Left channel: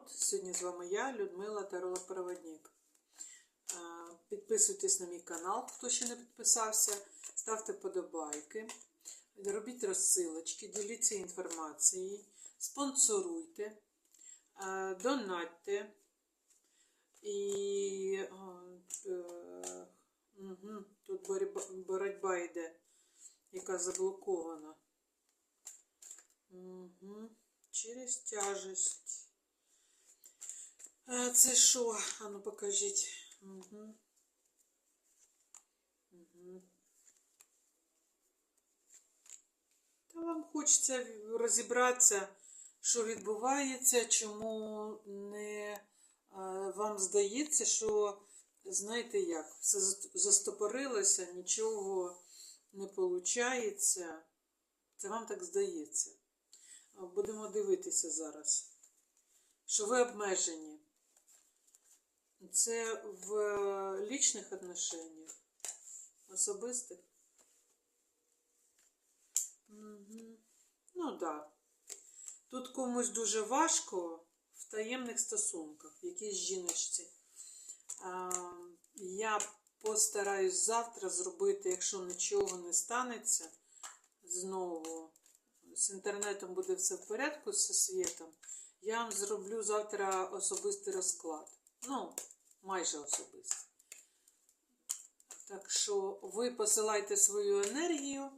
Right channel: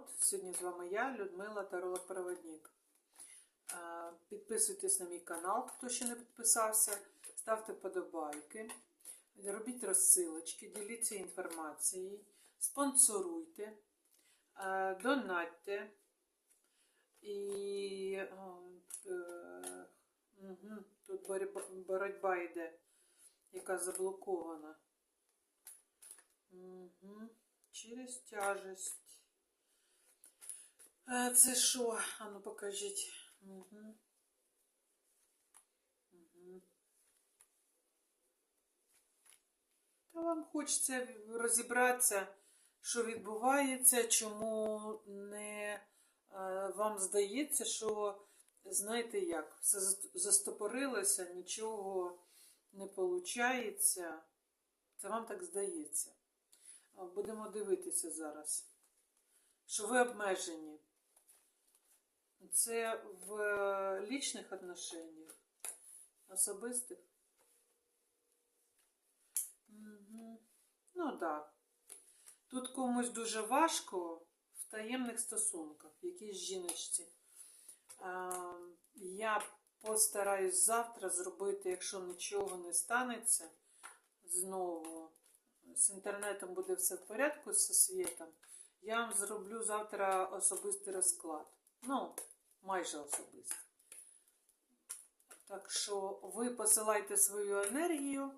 народ! Сьогодні з вами я, Людмила Таролог Проводник. Підписуйтесь на мій канал, хто ще не підписався, ставте подобайки, робіть розсилочки, діліться інформацією, спонсоруйте, донатьте і угу, тут боротьба йде, яка заблокована. Угу. Через тяжесть. А, це що? А ну покажіть. Угу. Угу. Та вам хочеться розібратися, що відбувається, чому не е, вам здається, що, знаєте як, все застопорилося, нічого не виходить. Це вам так здається. Будемо дивитися зараз, що ви обмежені. Це в лічних отношеннях, особистих. Угу. Ну так. Да. Тут комусь дуже важко в таємних стосунках, якійсь жіночці. А, я постараюсь завтра зробити, якщо нічого не станеться, знову з інтернетом буде все в порядку зі світом, я вам зроблю завтра особистий розклад. Ну, майже особистий. Так що ви посилайте свою енергію,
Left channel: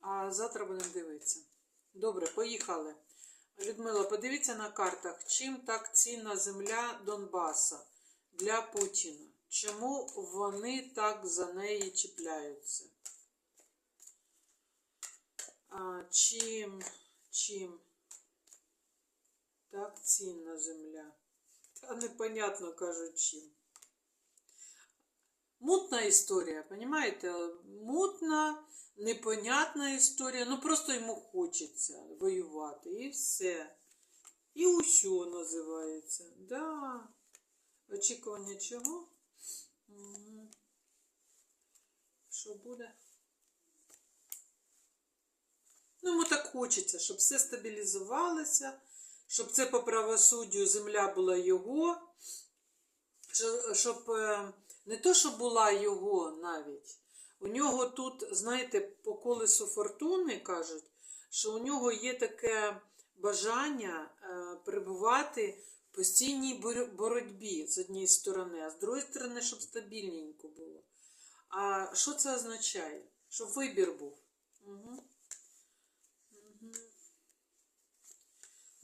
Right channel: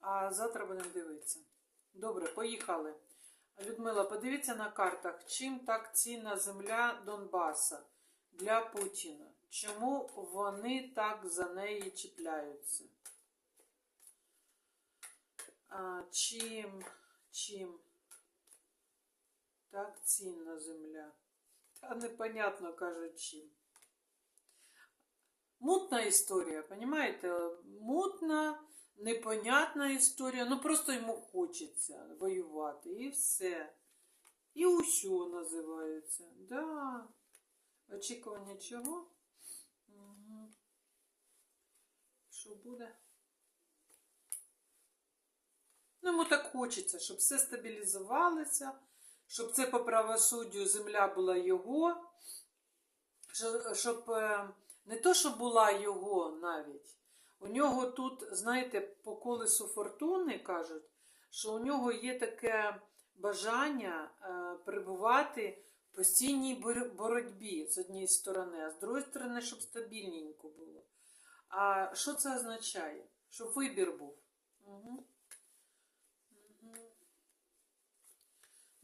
а завтра будемо дивитися. Добре, поїхали. Людмила, подивіться на картах, чим так цінна земля Донбаса для Путіна. Чому вони так за неї чіпляються? А, чим, чим так цінна земля? Та непонятно кажуть чим. Мутна історія, понимаєте? Мутна, непонятна історія. Ну просто йому хочеться воювати і все. І усьо називається. Да. Очікування чого? Що буде? Ну, йому так хочеться, щоб все стабілізувалося, щоб це по правосуддю земля була його, щоб е, не то, що була його навіть. У нього тут, знаєте, по колесу фортуни кажуть, що у нього є таке бажання е, перебувати в постійній боротьбі з однієї сторони, а з другої сторони, щоб стабільненько було. А що це означає? Щоб вибір був. Угу.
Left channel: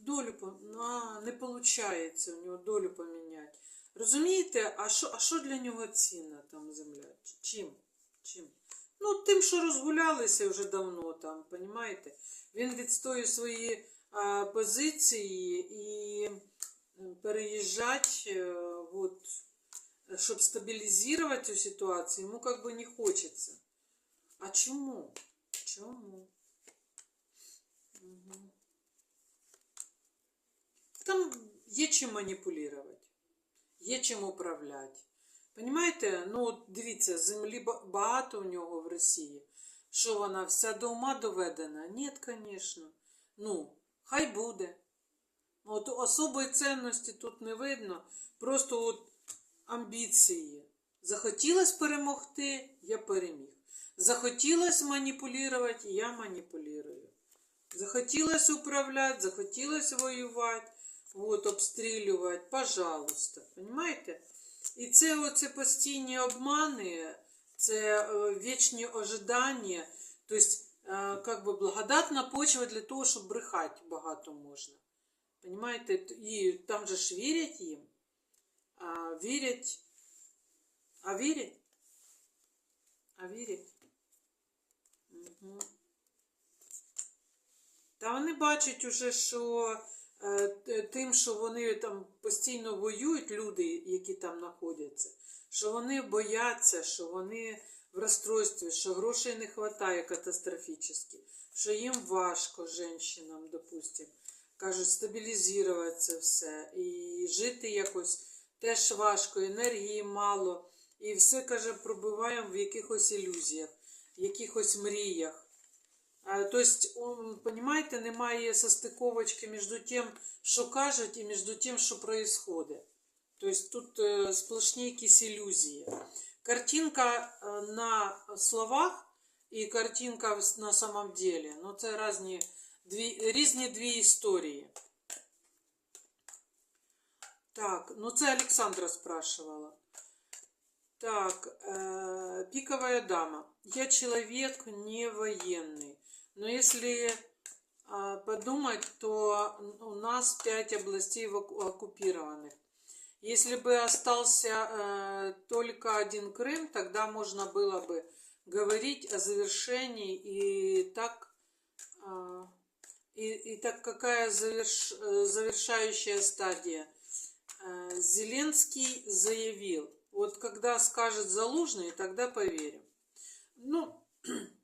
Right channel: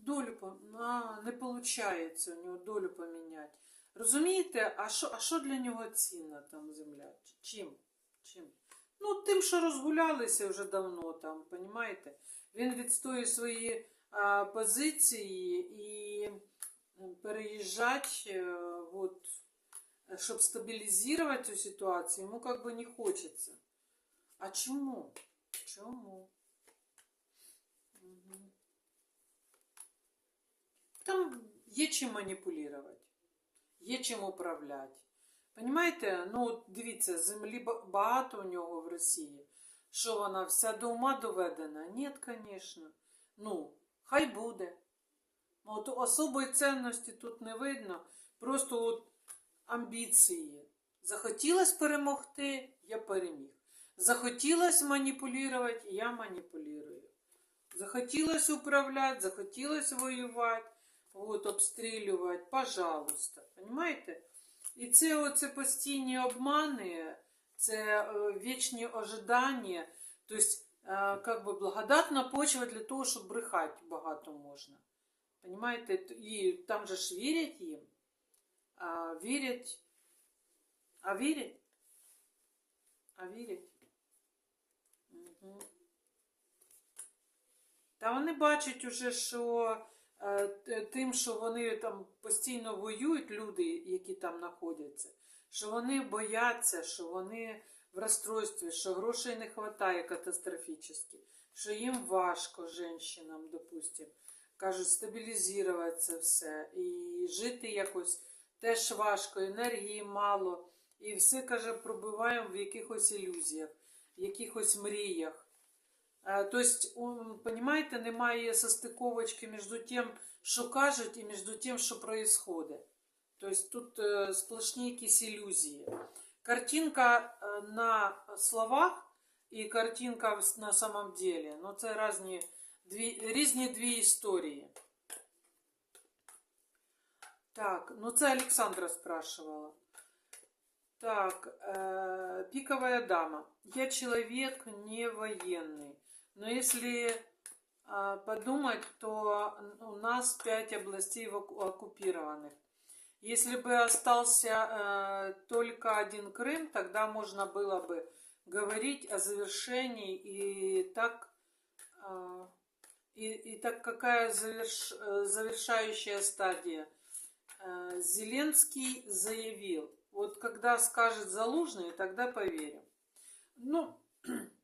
Долю а, не виходить у нього долю поміняти. Розумієте, а що а що для нього цінна там земля? Чим? Чим? Ну, тим, що розгулялися вже давно там, розумієте? Він відстоює свої а, позиції і переїжджати, е, от, щоб стабілізувати цю ситуацію, йому як би не хочеться. А чому? Чому? Там є чим маніпулювати, є чим управляти. Понимаєте? Ну, дивіться, землі багато у нього в Росії. Що вона вся до ума доведена? Ні, звісно. Ну, хай буде. От особої цінності тут не видно. Просто от амбіції. Захотілося перемогти, я переміг. Захотілося маніпулювати, я маніпулюю. Захотілося управляти, захотілося воювати от, обстрілювати, пожалуйста. Понимаєте? І це оце постійні обмани, це е, вічні ожидання, тобто, е, как би благодатна почва для того, щоб брехати багато можна. Понимаєте? І там же ж вірять їм. А, вірять. А вірять? А вірять? Угу. Та вони бачать уже, що Е, тим, що вони там постійно воюють, люди, які там знаходяться, що вони бояться, що вони в розстройстві, що грошей не вистачає катастрофічно, що їм важко, жінкам, допустим, кажуть, стабілізувати це все. І жити якось теж важко, енергії мало. І все, каже, пробиваємо в якихось ілюзіях, в якихось мріях. Е, Тобто, понимаете, немає состиковочки між тим, що кажуть, і між тим, що происходит. Тобто тут е, сплошні якісь ілюзії. Картинка е, на словах і картинка на самом деле. Ну, це різні дві, різні дві історії. Так, ну це Александра спрашивала. Так, э, пиковая дама. Я человек не военный. Но если а, подумать, то у нас пять областей оккупированных. Если бы остался э, только один Крым, тогда можно было бы говорить о завершении и так, а, и, и так какая заверш- э, завершающая стадия? Э, Зеленский заявил, вот когда скажет Залужный, тогда поверим. Ну,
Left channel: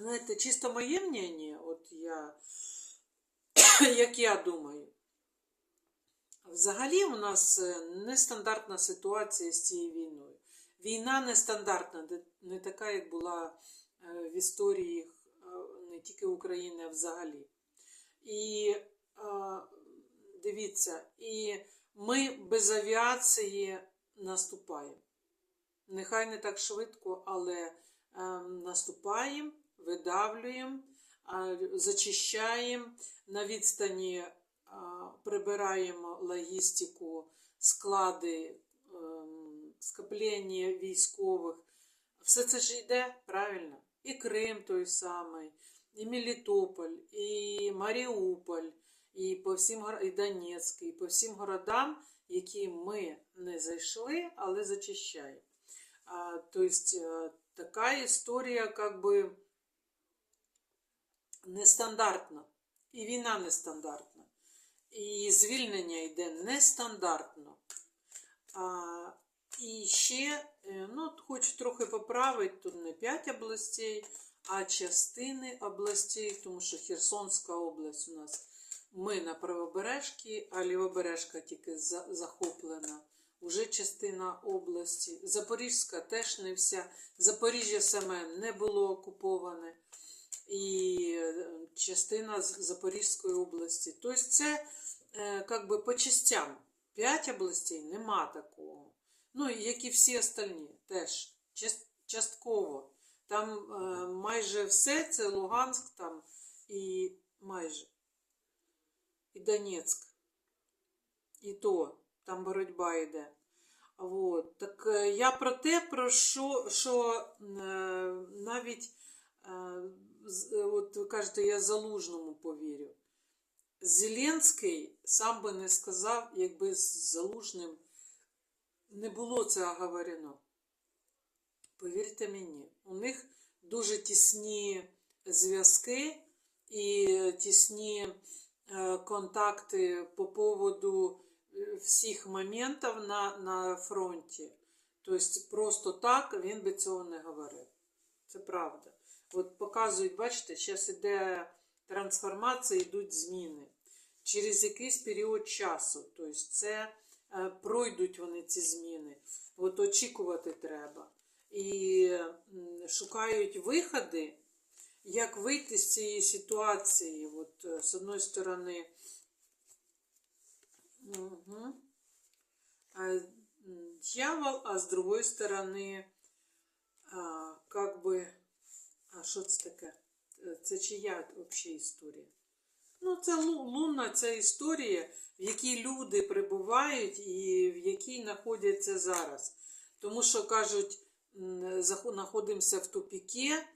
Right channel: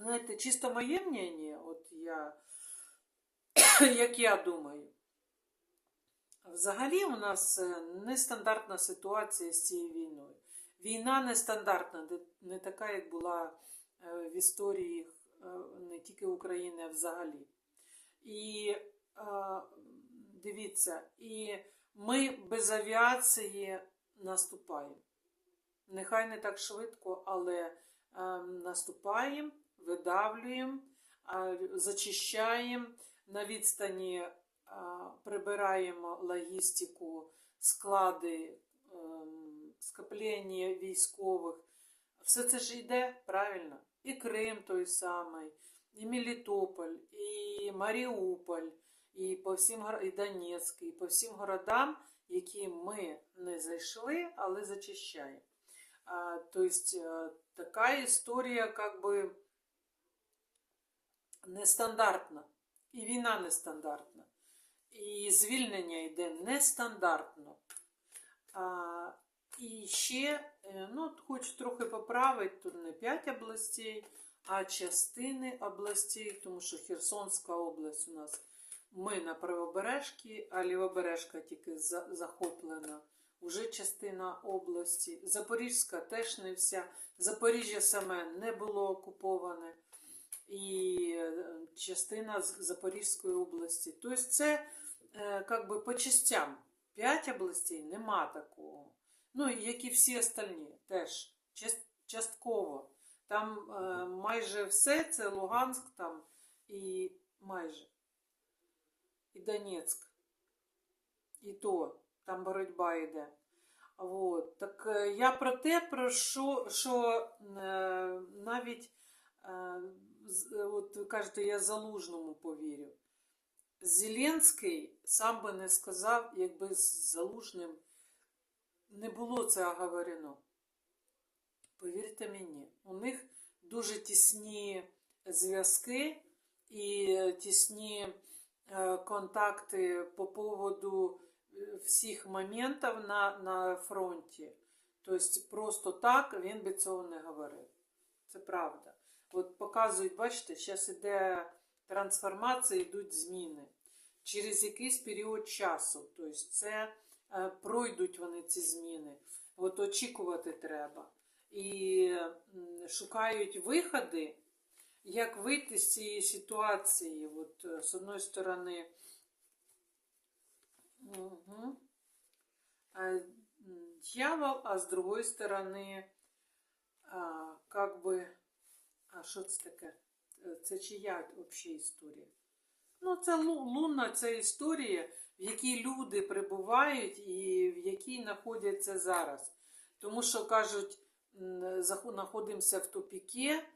знаєте, чисто моє мнение, от я, як я думаю, взагалі у нас е, нестандартна ситуація з цією війною. Війна нестандартна, не така, як була е, в історії е, не тільки України, а взагалі. І дивіться, і ми без авіації наступаємо. Нехай не так швидко, але е, наступаємо, видавлюємо, зачищаємо, на відстані прибираємо логістику, склади, ем, скоплення військових. Все це ж йде правильно. І Крим той самий, і Мелітополь, і Маріуполь, і по всім і Донецьк, і по всім городам, які ми не зайшли, але зачищаємо. А, то есть е, така історія, как нестандартна. І війна нестандартна. І звільнення йде нестандартно. А, і ще, е, ну, от хочу трохи поправити, тут не 5 областей, а частини областей, тому що Херсонська область у нас ми на правобережці, а лівобережка тільки за- захоплена. Уже частина області. Запорізька теж не вся. Запоріжжя саме не було окуповане. І е, частина з Запорізької області. Тобто це е, как би по частям. П'ять областей нема такого. Ну, як і всі остальні, теж частково. Там е, майже все це Луганськ там і майже. І Донецьк. І то там боротьба йде. Вот. Так е, я про те, про що, що е, навіть, е, е, от ви кажете, я залужному повірю. Зеленський сам би не сказав, якби з залужним не було це оговорено. Повірте мені, у них дуже тісні зв'язки і тісні е, контакти по поводу е, всіх моментів на, на фронті. Тобто просто так він би цього не говорив. Це правда. От показують, бачите, зараз іде трансформація, йдуть зміни. Через якийсь період часу. Тобто це е, пройдуть вони ці зміни. От очікувати треба. І шукають виходи, як вийти з цієї ситуації. От, е, з одної сторони, угу. дьявол, а з другої сторони, а, как би, а що це таке? Е, Це чия взагалі історія? Ну, це лунна ця історія, в якій люди прибувають і в якій знаходяться зараз. Тому що кажуть, знаходимося в тупіке,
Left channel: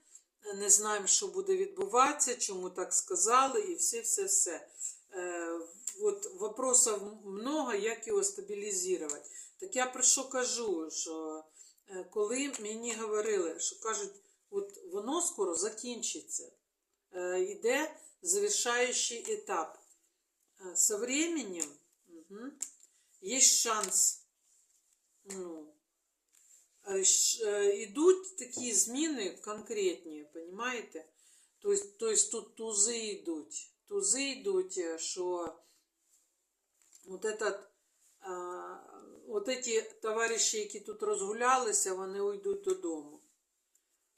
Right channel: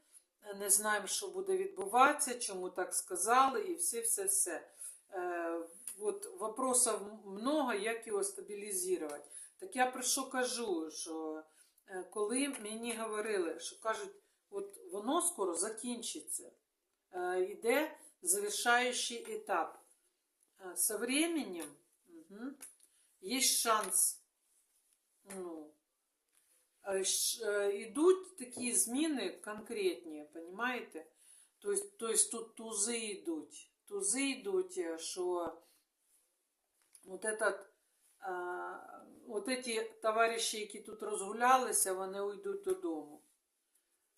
не знаємо, що буде відбуватися, чому так сказали, і все, все, все. Е, от вопросів много, як його стабілізувати. Так я про що кажу? Що е, коли мені говорили, що кажуть, от воно скоро закінчиться, е, йде завершающий этап. Э, Со временем мгм, есть шанс. Ну, э, щ- э, идут такі зміни конкретні, понимаете? То есть, то есть тут тузи йдуть. Тузи йдуть, е, що вот этот, а, от эти товариші, які тут розгулялися, вони уйдуть додому.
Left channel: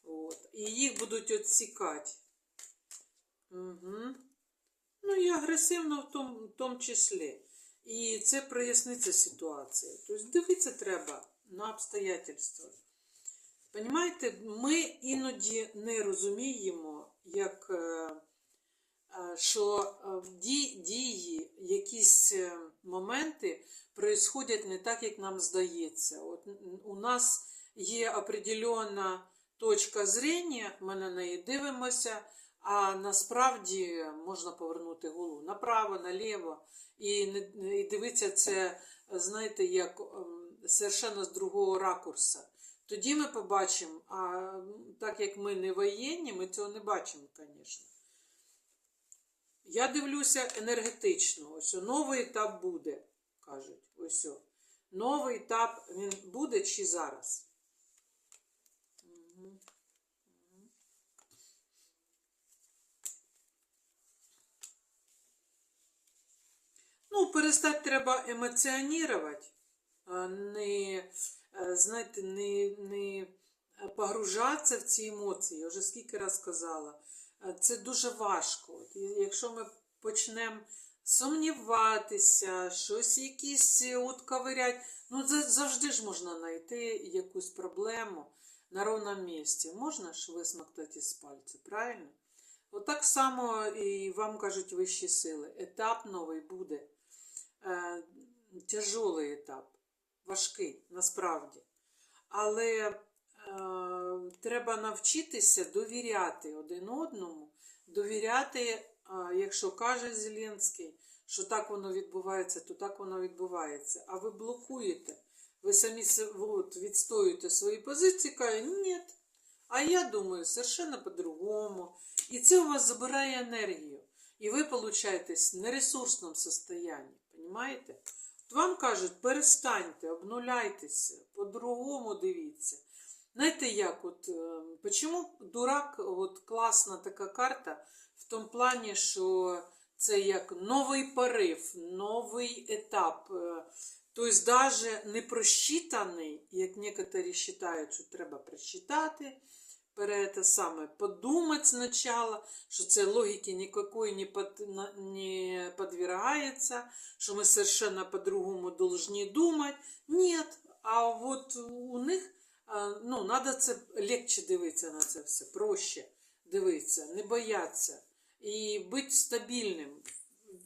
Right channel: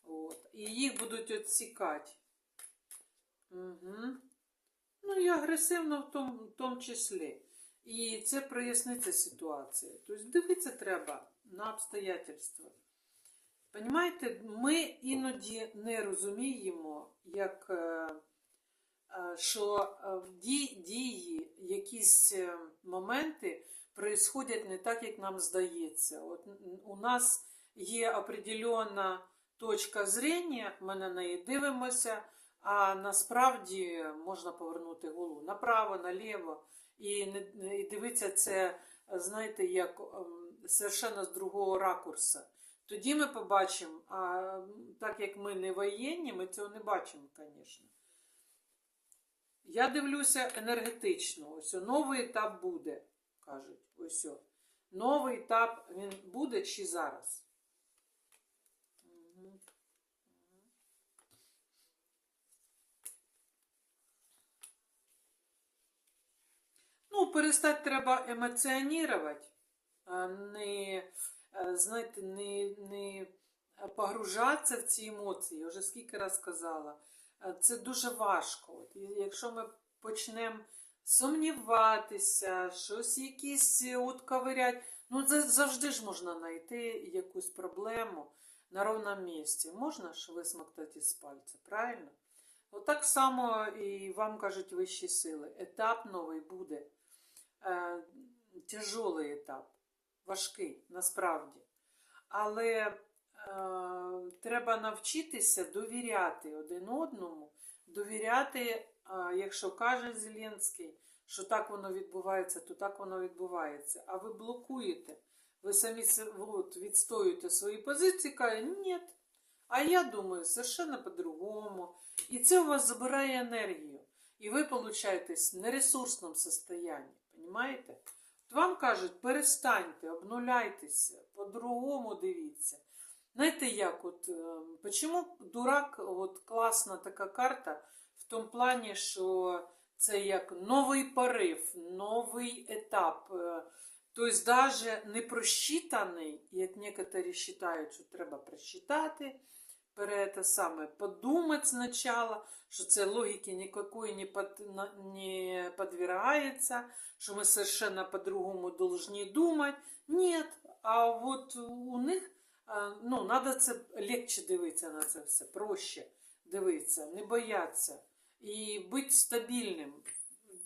От. І їх будуть відсікати. Угу. Ну і агресивно в тому, в числі. І це проясниться ситуація. Тобто дивитися треба на обстоятельства. Понімаєте, ми іноді не розуміємо, як, е, е, що в дії, якісь е, моменти происходять не так, як нам здається. От у нас є определенна точка зрення, ми на неї дивимося, а насправді можна повернути голову направо, наліво і, і дивитися це, знаєте, як ем, совершенно з другого ракурса. Тоді ми побачимо, а так як ми не воєнні, ми цього не бачимо, звісно. Я дивлюся енергетично. Ось новий етап буде, кажуть. Ось. Новий етап він буде чи зараз? Ну, перестати треба емоціонувати, не, е, знаєте, не, не погружатися в ці емоції. Я вже скільки раз казала. Е, Це дуже важко. От, якщо ми почнемо сумніватися, щось якісь от ковирять, ну за- завжди ж можна знайти якусь проблему на ровному місці. Можна ж висмоктати з пальця, правильно? Отак само і вам кажуть вищі сили. Етап новий буде. Е, тяжолий етап, важкий насправді. Але е, треба навчитися довіряти один одному, довіряти, е, якщо каже Зеленський, що так воно відбувається, то так воно відбувається. А ви блокуєте, ви самі от, відстоюєте свої позиції, кажете, ні. А я думаю, совершенно по-другому. І це у вас забирає енергію. І ви получаєтесь в нересурсному состоянии. Понимаєте? От вам кажуть, перестаньте, обнуляйтеся, по-другому дивіться. Знаєте, як от, е, чому дурак, от класна така карта в тому плані, що це як новий порив, новий етап. Е, Тобто, навіть не просчитаний, як некоторі вважають, що треба просчитати, пере те саме подумати спочатку, що це логіки никакой не, под, не подвергается, что мы совершенно по-другому должны думать. Нет, а от у них а, ну, надо це легче дивитися на це все, проще дивитися, не боятися і бути стабільним,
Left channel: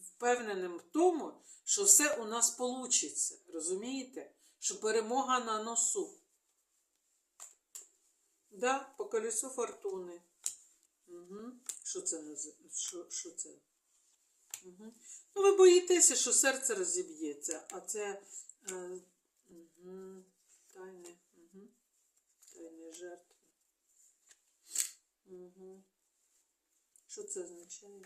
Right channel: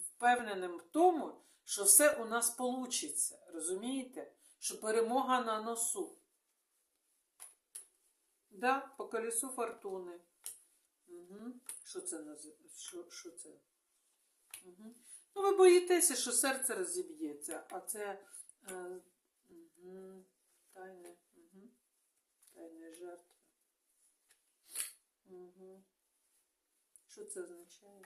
впевненим в тому, що все у нас вийде. Розумієте? Що перемога на носу. Да, по колесу фортуни. Угу. Що це що, що це? Угу. Ну, ви боїтеся, що серце розіб'ється, а це е, угу. тайне, угу. тайне жертва. Угу. Що це означає?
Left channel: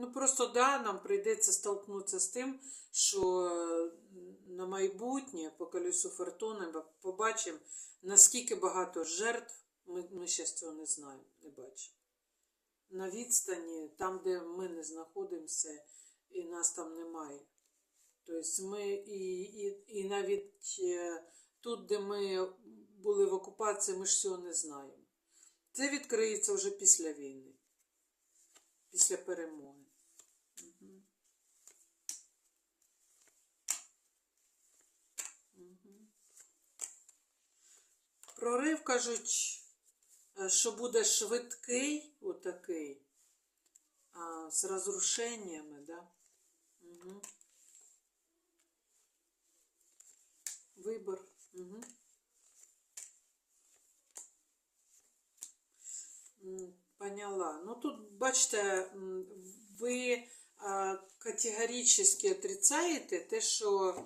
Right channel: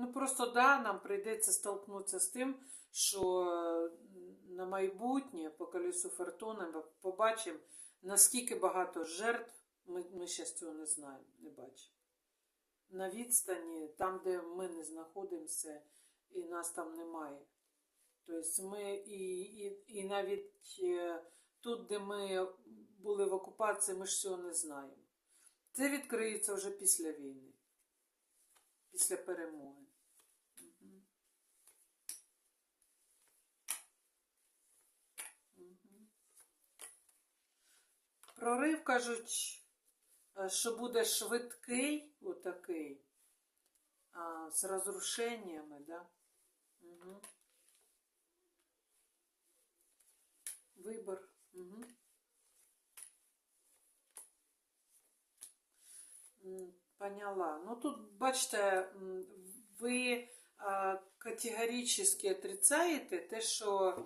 Ну просто да, нам прийдеться столкнутися з тим, що е, на майбутнє по колесу фортуни побачимо, наскільки багато жертв, ми, ми ще цього не знаємо, не бачимо. На відстані, там, де ми не знаходимося, і нас там немає. Тобто ми і, і, і навіть е, тут, де ми були в окупації, ми ж цього не знаємо. Це відкриється вже після війни, після перемоги. Прорив кажуть, е, що буде швидкий, отакий, а, з розрушеннями, да? Угу. Вибор. Угу. Поняла. Ну тут, бачите, ви категорично отрицаєте те, що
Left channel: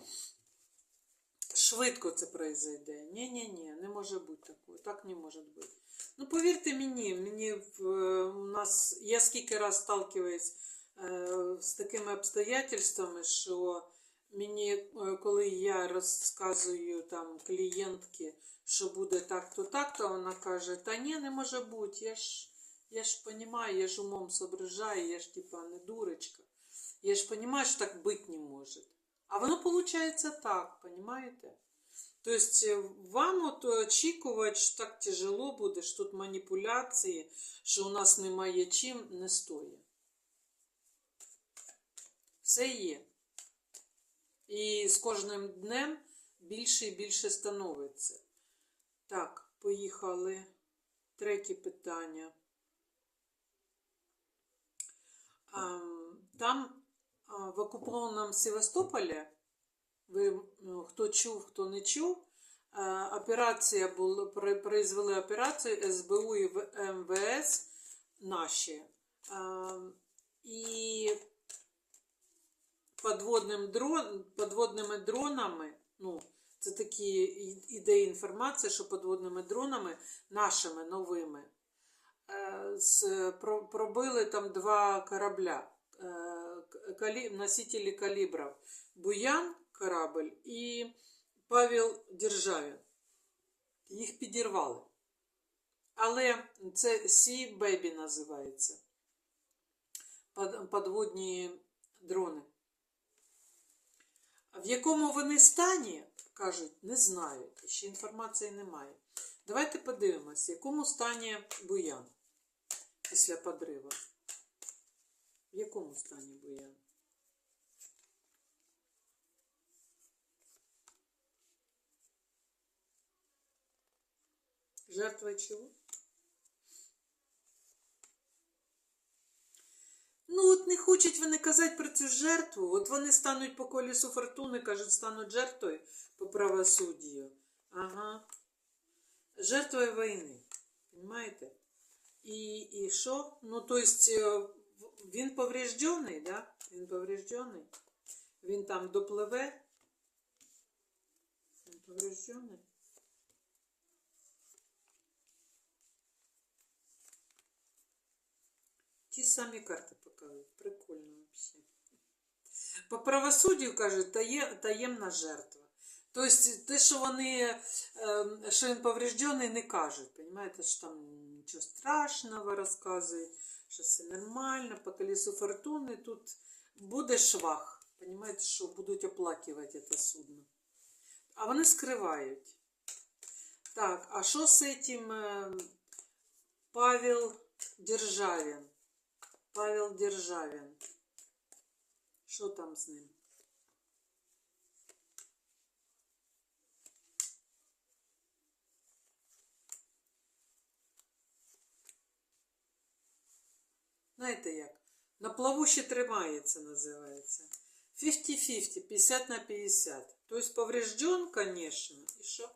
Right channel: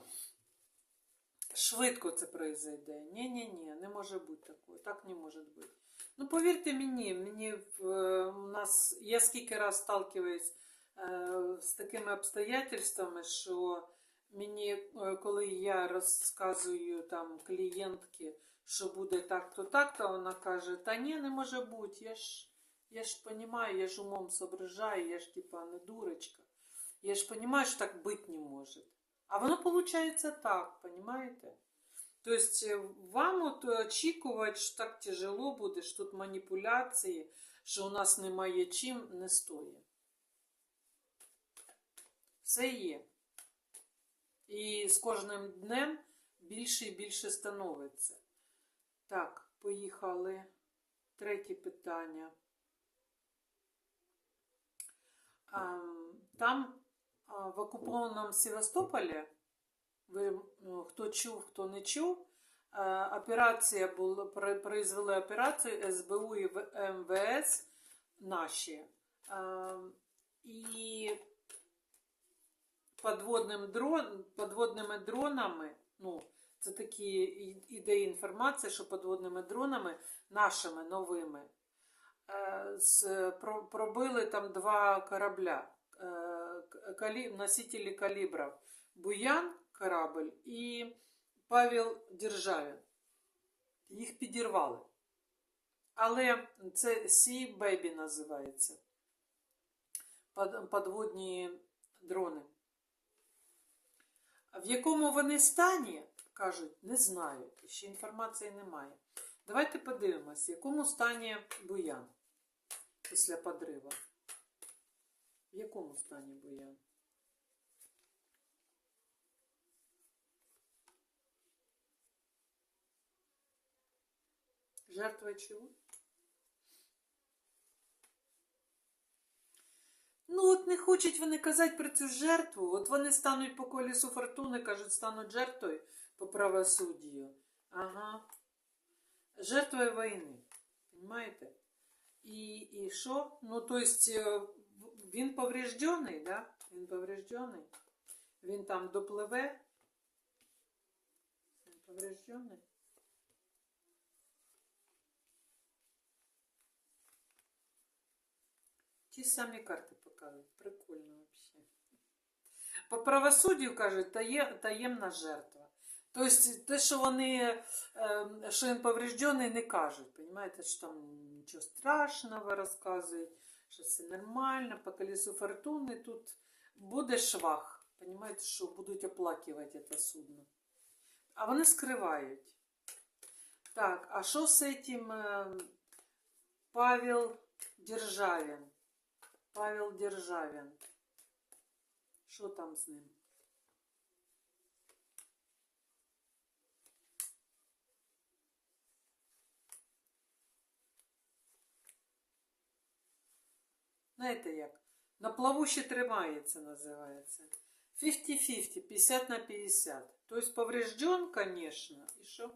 швидко це произойде. Ні-ні-ні, не може бути такого. Так не може бути. Ну, повірте мені, мені в, у нас, я скільки раз сталкиваюсь з такими обстоятельствами, що мені, е, коли я розказую там клієнтки, що буде так-то, так-то, вона каже, та ні, не може бути, я ж, я ж розумію, я ж умом соображаю, я ж типа не дурочка. Я ж розумію, що так бути не може. А воно виходить так, понимаете? Тобто вам от очікувати, що так тяжело буде, що тут маніпуляції, що у нас немає чим, не стоїть. Все є. І з кожним днем більше і більше становиться. Так, поїхали. Третє питання. Ам, Там в окупованому Севастополі, ви ну, хто чув, хто не чув, операція була, произвели операцію СБУ і МВС наші. І подводним дрон, подводними дронами, ну, це такі ідеї інформації, що подводними дронами, нашими новими, про, пробили там два корабля, к- калі, носителі калібрів. Буян корабль і Павел Державін. Їх підірвали. Але це Sea Baby називається. Под- Подводні дрони. В якому вони стані, кажуть, не знаю. Ще інформації немає. Давайте подивимось, в якому стані Буян після подрива. В якому стані Буян? Жертва чого? Ну, от не хочуть вони казати про цю жертву. От вони стануть по колесу фортуни, кажуть, стануть жертвою по правосуддю. Ага. Жертвою війни. Понимаєте? І, і що? Ну, то есть, в- він повреждений, да? Він повреждений. Він там допливе. Він повреждений. Ті самі карти показують. Прикольно вообще. По правосуддю кажуть, тає, таємна жертва. Тобто, те, що вони, ем, що він повреждений, не кажуть. Понимаєте, що там нічого страшного розказують, що все нормально, по колесу фортуни тут буде швах. Понимаєте, що будуть оплакувати це судно. А вони скривають. Так, а що з цим ем, Павел Державін? Павел Державін. Що там з ним? Знаєте як? На плаву ще тримається, називається. 50-50, 50 на 50. Тобто поврежден, конечно. І що?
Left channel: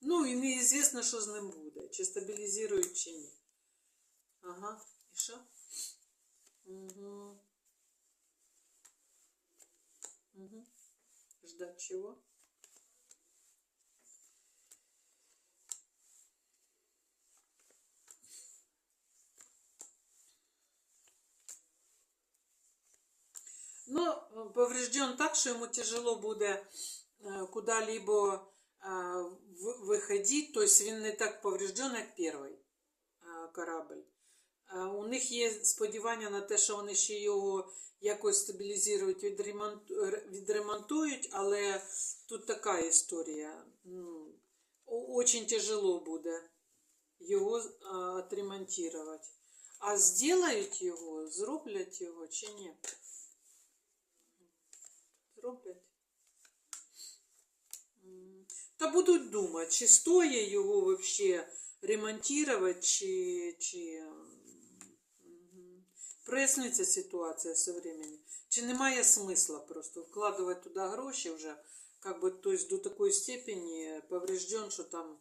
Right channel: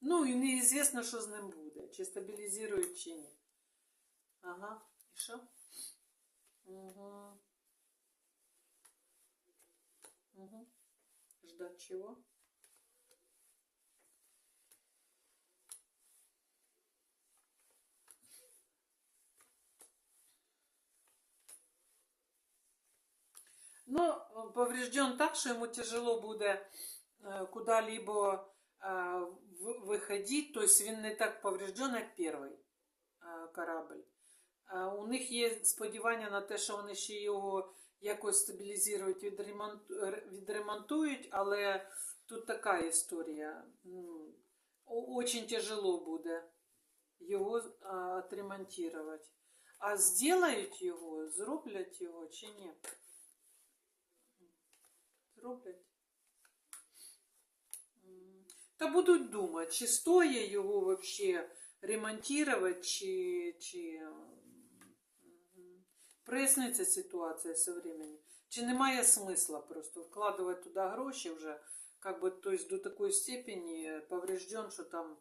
Ну, і неізвісно, що з ним буде. Чи стабілізують, чи ні. Ага. І що? Угу. Угу. Ждать чего? Ну, поврежден так, что ему тяжело буде э, куда-либо э, в- виходити, тобто він не так поврежден, як перший е, корабль. У них є сподівання на те, що вони ще його якось стабілізують, відремонту- відремонтують, але тут така історія. Очень тяжело буде його а, отремонтувати. А зроблять його, зроблять його чи ні? Зроблять. Та будуть думати, чи стоїть його вообще ремонтувати, чи, чи мгм. проясниться ситуація со временем. Чи немає смисла просто вкладувати туди гроші вже, как бы, то есть до такої степені поврежден, що там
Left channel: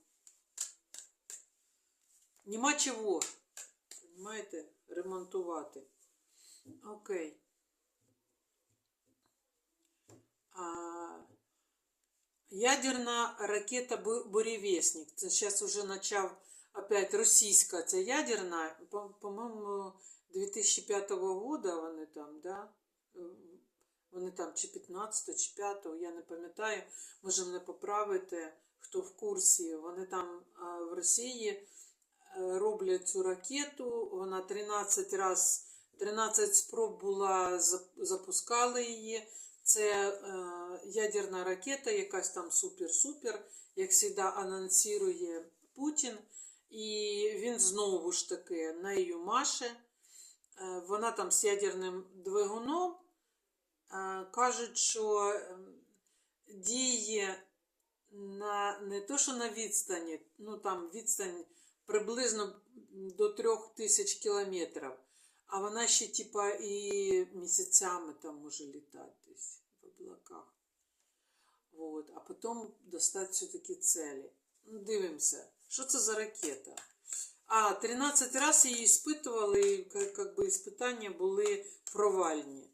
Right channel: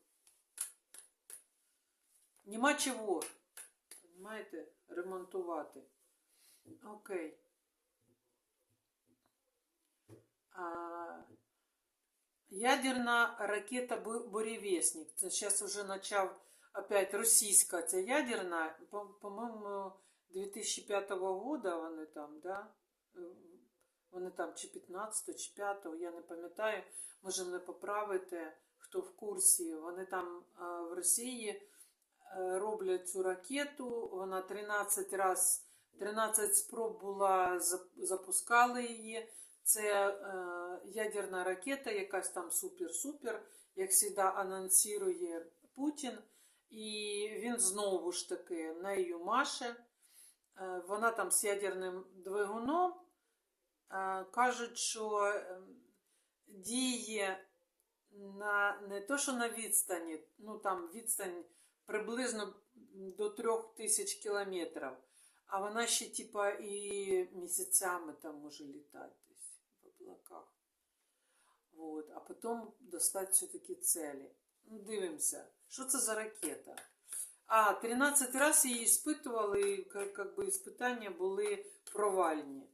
нема чого, понимаєте, ремонтувати. Окей. А, ядерна ракета «Бу- «Буревестник». Це зараз вже почав опять російська, це ядерна, по- по-моєму, 2005 года вони там, да? Вони там чи 15, чи 5, я не пам'ятаю, може мене поправити, хто в курсі. Вони там в Росії е, роблять цю ракету, вона 13 раз, 13 спроб була, запускали її, Це е, ядерна ракета, якась там супер-супер, як завжди анонсує Путін. І він знову ж таки нею маше. Е, Вона там з ядерним двигуном. Е, Кажуть, що ем, діє на не то, що на відстані, ну там відстань приблизно до трьох тисяч кілометрів, а вона ще типа і місяцями там може літати. Вот. А потім достати все-таки цілі. Ну, дивимося, що це за ракета. А, 13 разів її іспитували, і как би іспитання були провальні.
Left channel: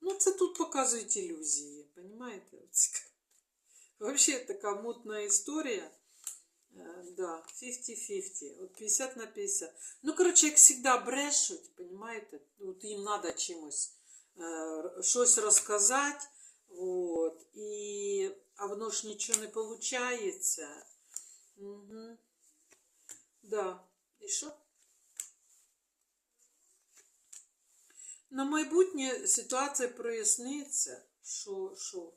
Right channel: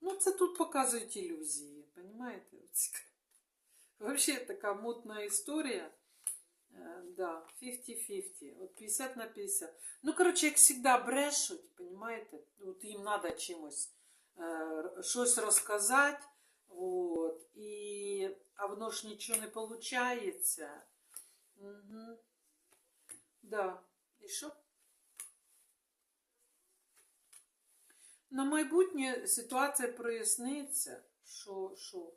Ну, це тут показують ілюзії, понимаете? Вообще така мутна історія. Е, Да, 50-50. От 50 на 50. Ну, коротше, як завжди брешуть, понимаете? От їм треба чимось щось розказати. Вот. І, а воно ж нічого не виходить. Угу. Да. І що? На майбутнє ситуація проясниться. Що, що?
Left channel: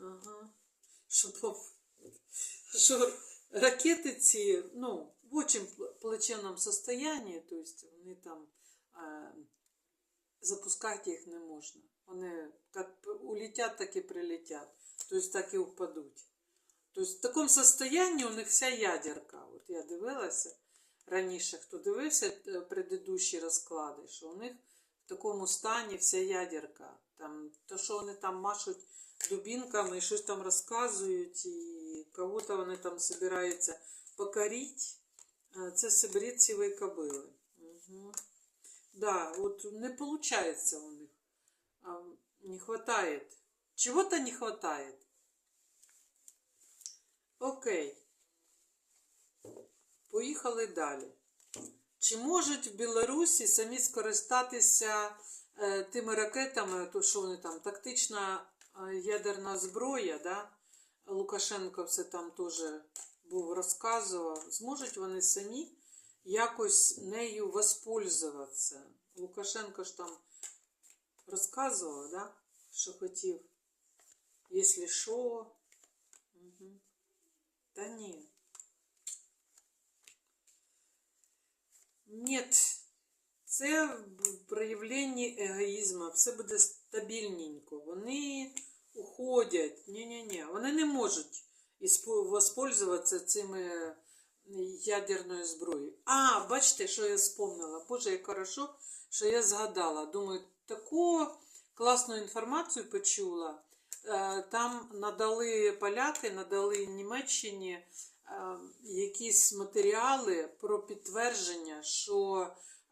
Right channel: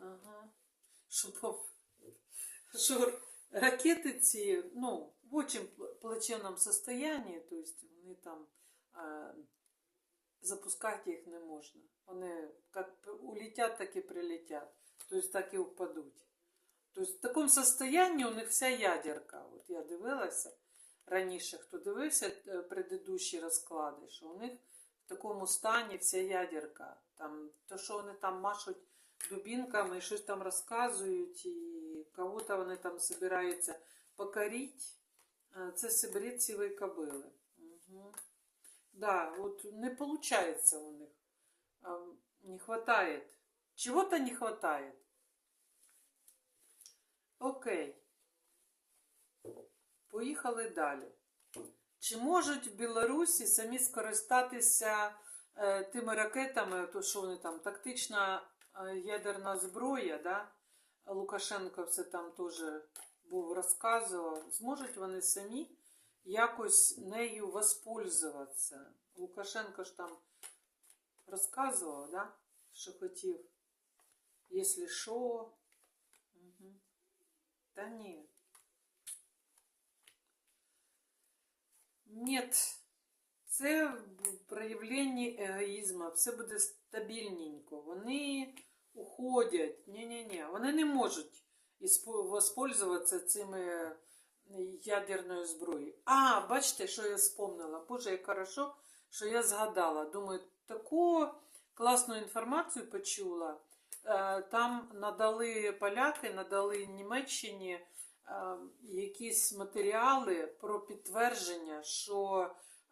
Ага. Що, що ракети ці, ну, в очень плачевному состоянии, то есть вони там запускати їх не можна. Вони як улетять, так і прилетять. То есть так і впадуть. То есть в такому состоянии у них вся ядерка. От я дивилася раніше, хто дивився е, предыдущі розклади, що у них в такому стані вся ядерка. Там, то, що вони там машуть дубінками і щось там розказують, і кого-то вони там збираються покорити, це сибиреціві кобили. Угу. Да, от не виходить у них. Не хватает. Чего-то не хватает. Окей. Поїхали далі. Чи можуть в Білорусі самі скористатися е, тими ракетами, то що вони там, тактична е, ядерна зброя, да? Лукашенко все там теж був розказував. Зможуть вони самі якось нею воспользуватися? Лукашенко ж там розказував, да? що хотів, якщо що. Угу. Та ні. Нет. Це в проявленні егоїзму, все буде стабільненько. Вони уходять. Ні-ні-ні. Вони не можуть воспользуватися цими ядерною зброєю. А, бачите, що я вспомнила. Боже, як хорошо, що я згадала. Думаю, таку класну інформацію почула. Е, Там надали поляки, надали Німеччині е, якісь матеріали про підтвердження, що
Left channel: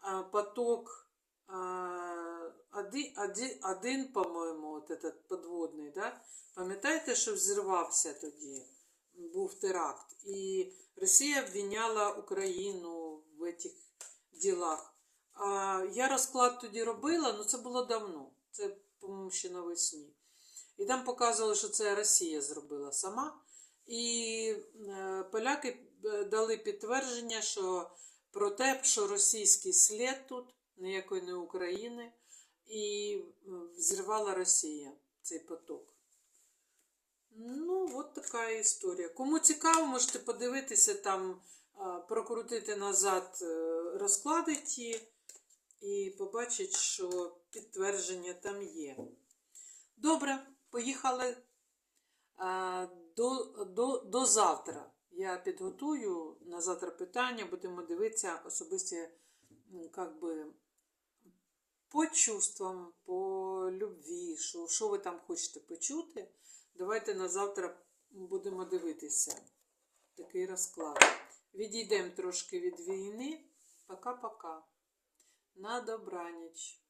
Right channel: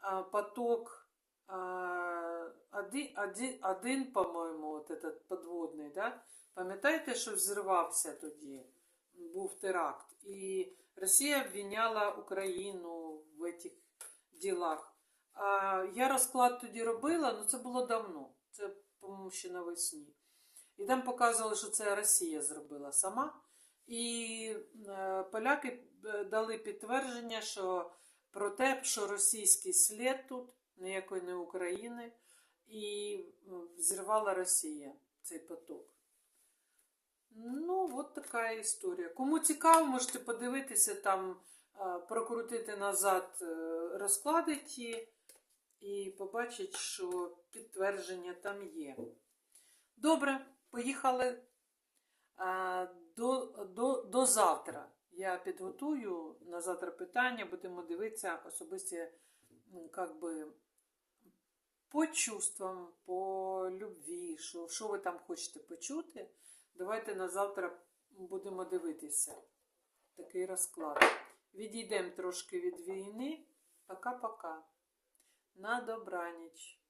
е, поток один, один, один по-моєму, от подводний, да? пам'ятаєте, що взірвався тоді? Був теракт. І Росія обвиняла Україну в цих ділах. А я розклад тоді робила, але це було давно. Це, по-моєму, ще навесні. І там показували, що це Росія зробила сама. І е, поляки е, дали підтвердження, що про те, що російський слід тут, ніякої не України, і м, взірвала Росія цей поток. Ну, от така історія. Кому цікаво, можете подивитися там, прокрутити назад е, розклади ті і побачити, що підтвердження там є. Добре, поїхали до, до, до завтра. Я підготую на завтра питання, будемо дивитися особисті, как би, по чувствам, по любві, що, що ви там хочете почути. Давайте на завтра будемо дивитися такий розклад. Відійдемо трошки від війни. Пока-пока. На добраніч.